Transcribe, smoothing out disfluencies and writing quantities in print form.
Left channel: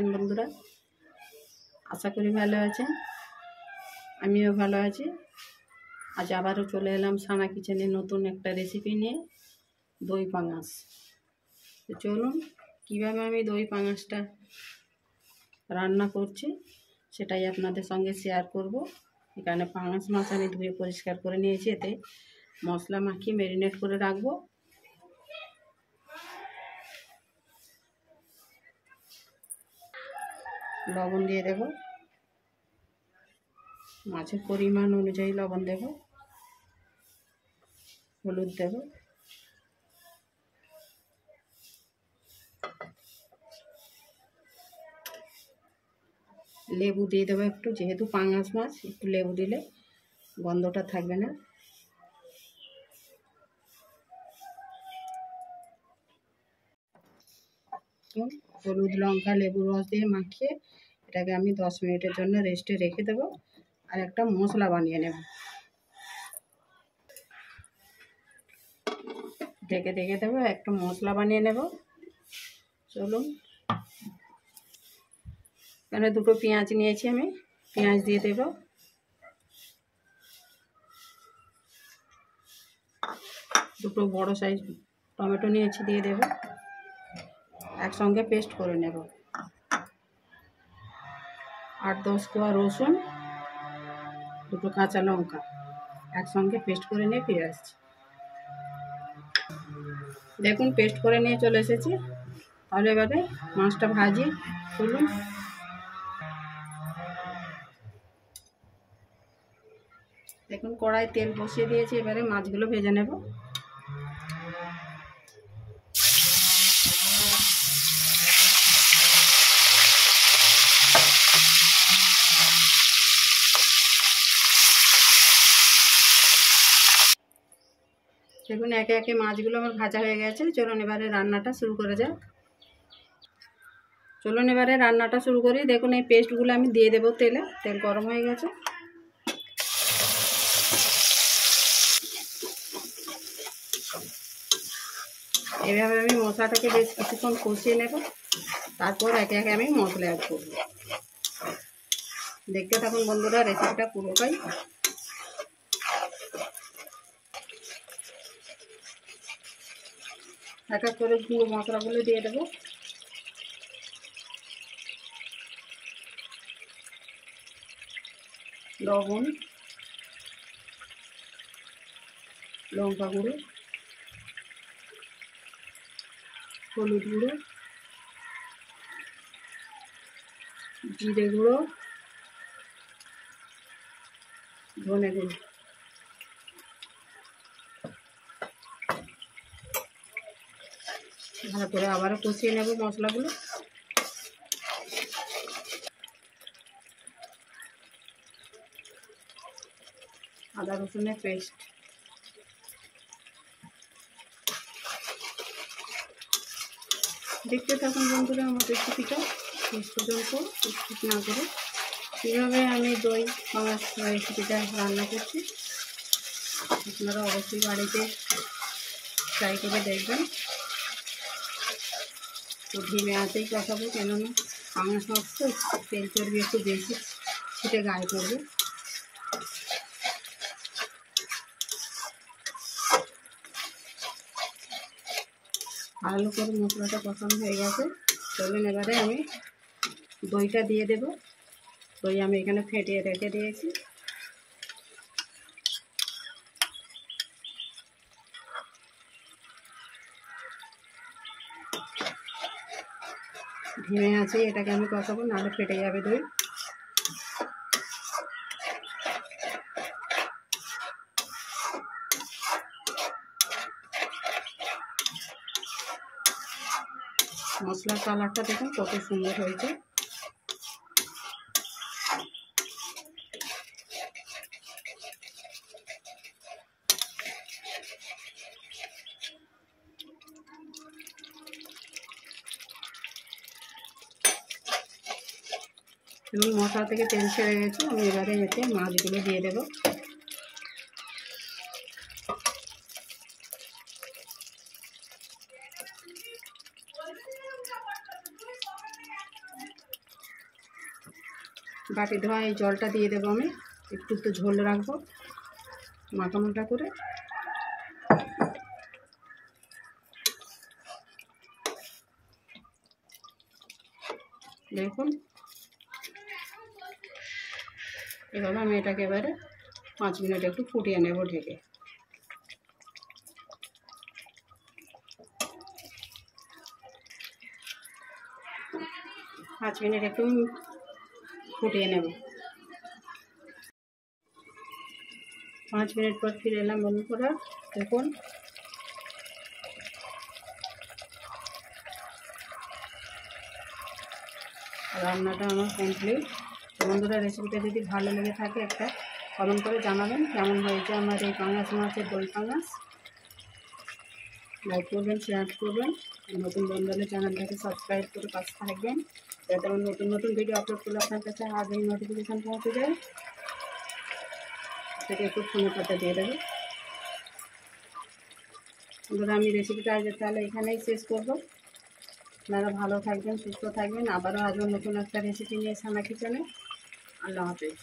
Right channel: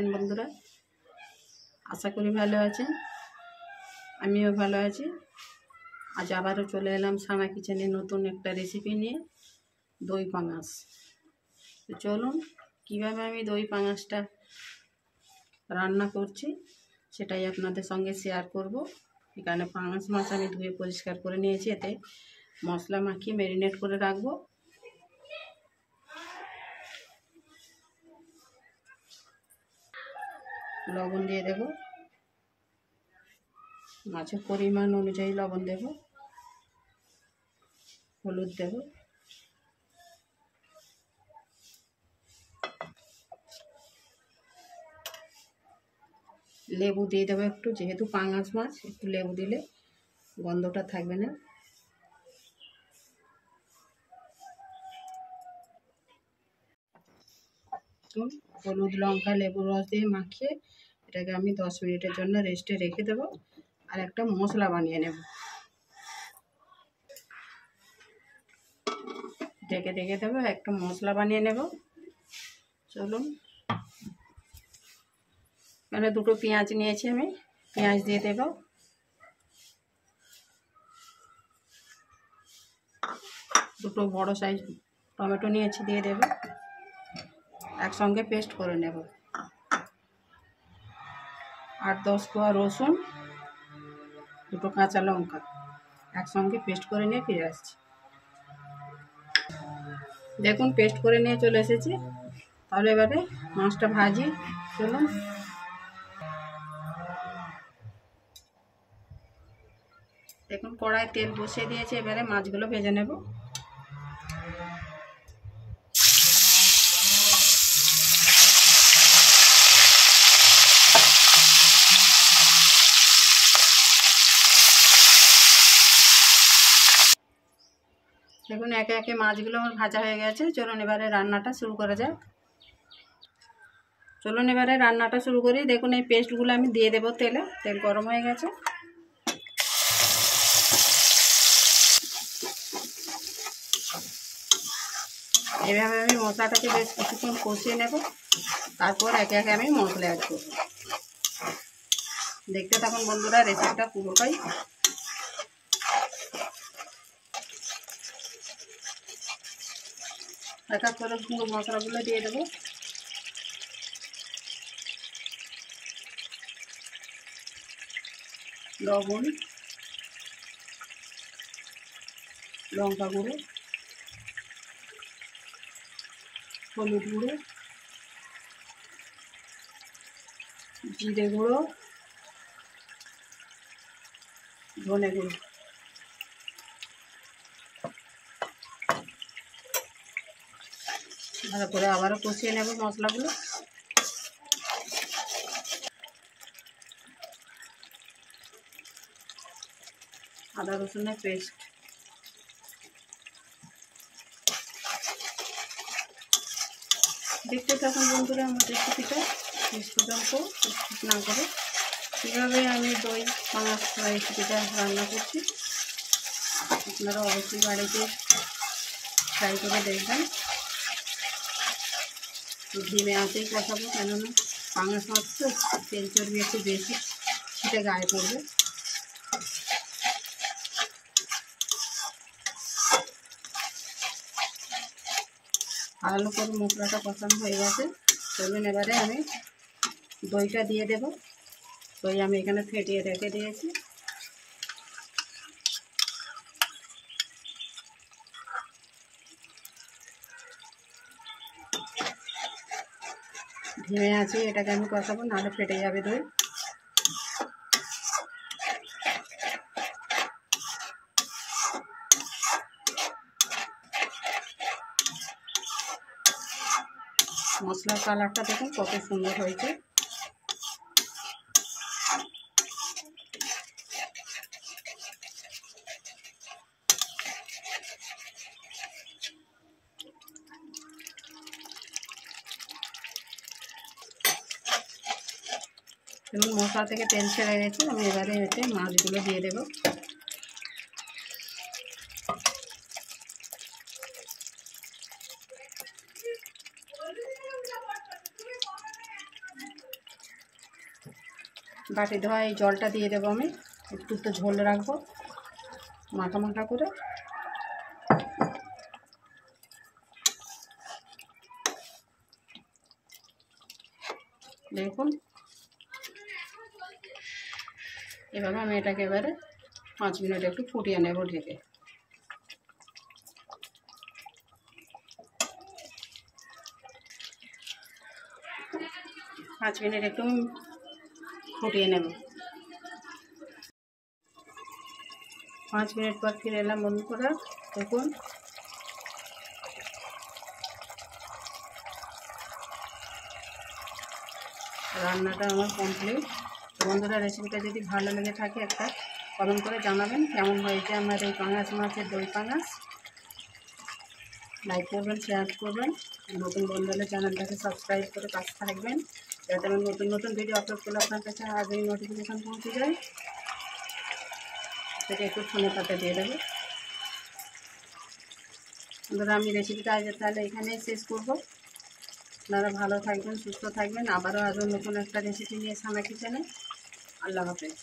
আছেন বন্ধুরা? আশা করি ভালো আছেন। আমিও ভালো আছি। আজ আবারও চলে এলাম সানা কিচেনে নতুন একটা রেসিপি নিয়ে, দই পাঙাশ। তো চলুন কীভাবে আমি দই পাঙাশটা রান্না করছি সেটাই আপনাদের সঙ্গে শেয়ার করব। এখানে পাঙাশ মাছ আমি ধুয়ে পরিষ্কার করে নিয়েছি, এতে মশলা মাখিয়ে ম্যারিনেট করে রাখবো। লবণ দিয়ে দেব, মাছের পরিমাণ অনুযায়ী লবণ দেব, হলুদ দেব, লেবু দিয়ে দেবো একটু, যেহেতু পাঙাশ মাছ একটু লেবু দিলে গন্ধটা থাকবে না। হলুদ লঙ্কা লেবুর রস দিয়ে মাখিয়ে এটাকে আমি 10 মিনিটের জন্য রেস্টে রেখে দেব, আর একটা মশলা বানিয়ে নেব। ঢেকে রেখে দেবো, একটা মশলা বানিয়ে নেব। চলুন, এখানে দুটো পেঁয়াজ নিয়েছি আমি, পেঁয়াজ দিয়ে দেব। দুটো বড় সাইজ টমেটো নিয়েছি, দিয়ে দেব। একসঙ্গে পেস্ট করে নেব। 8-10 কোয়া রসুন, দুটো কাঁচা লঙ্কা একসঙ্গে পেস্ট করে নিয়ে ফিরে আসছি। দেখুন পেস্ট করে নিয়ে চলে এসেছি। তাহলে এবারে মাছটা ভাজি। চলুন, দেখুন কড়াই তেল বসিয়ে দিয়েছি, এবারে মাছগুলো ভেজে নেব। দেখুন একে একে মাছগুলো আমার ভাজা হয়ে গেছে। চলুন এবারে রান্নাটা শুরু করা যাক। চলুন এবারে রান্নাটা শুরু করি। দেখুন এই পেস্টগুলো আমি দিয়ে দেবো তেলে। তেল গরম হয়ে গেছে। এভাবে আমি মশলাটাকে বেশ কিছুক্ষণ কষিয়ে নেব, তারপর একে একে আমি মশলা অ্যাড করব। দেখতে থাকুন বন্ধুরা রেসিপিটা পুরোটাই। এক এক করে গুঁড়ো মশলাগুলো দিয়ে দেবো। লবণ, লঙ্কা গুঁড়ো, হলুদ গুঁড়ো, জিরে গুঁড়ো, ধনে গুঁড়ো। ভালো করে আবারও কষিয়ে নেব মশলাগুলো। আদা রসুনের পেস্ট, দেখতে থাকুন বন্ধুরা আমার রেসিপিটা শেষ পর্যন্ত স্কিপ না করে। কীভাবে আমি দই পাঙাশ রেসিপিটা রান্না করছি আপনারা অবশ্যই বাড়িতে ট্রাই করে দেখবেন। তো ধিমে আঁচেই কষাবো, কেননা পাঙাশ মাছ তো তেল চর্বি একটু বেশি ছিটে গায়ে পড়বে। ভালো করে মশলাটা কষানো হয়ে গেছে। চলুন এবারে আমি দইটা দিয়ে দেব। দই আমি এখানে ফেটিয়ে রেখে দিয়েছি। ধিমে আছে এটাকে আমি কষাবো, নাহলে ফেটে যাবে দই। মশলার কালারটা দেখুন কত সুন্দর হয়েছে। এবং মশলা থেকে তেল ছেড়ে গেছে। আমি এবারে এতে মাছগুলো দিয়ে দেব। বাটি ধোয়া এই জলটা দিয়ে দেবো আমি, একটু তো ঝোল রাখবো মাখা মাখা করে। দেখুন এভাবে আমি এটাকে এবারে 5 মিনিট একটু ফুটিয়ে নেব ঢেকে। পাঁচ মিনিট একটু ফুটিয়ে নেব। 5 মিনিট পর ফিরে এলাম বন্ধুরা। দেখুন রান্নাটা আমার কমপ্লিট। বন্ধুরা রেসিপিটা যদি ভালো লেগে থাকে একটা কমেন্ট করে জানাবেন কেমন হয়েছে আমার এই পাঙাশ মাছের দই পাঙাশ। লাইক করবেন, শেয়ার করবেন, নতুন বন্ধু হলে চ্যানেলটাকে সাবস্ক্রাইব করে পাশে থাকবেন যাতে আমি নতুন নতুন ভিডিও আপলোড করলে আপনার কাছে আগেই নোটিফিকেশান পৌঁছে যায়। সেটা একটু ফোনে পাতা দিয়ে দেবে। বন্ধুরা আমি রেসিপিটা আজ তাহলে এখানেই শেষ করবো। আপনারা ভালো থাকবেন, সুস্থ থাকবেন। আবারও নতুন একটা রেসিপি নিয়ে সানা কিচেনে। আল্লাহ হাফেজ।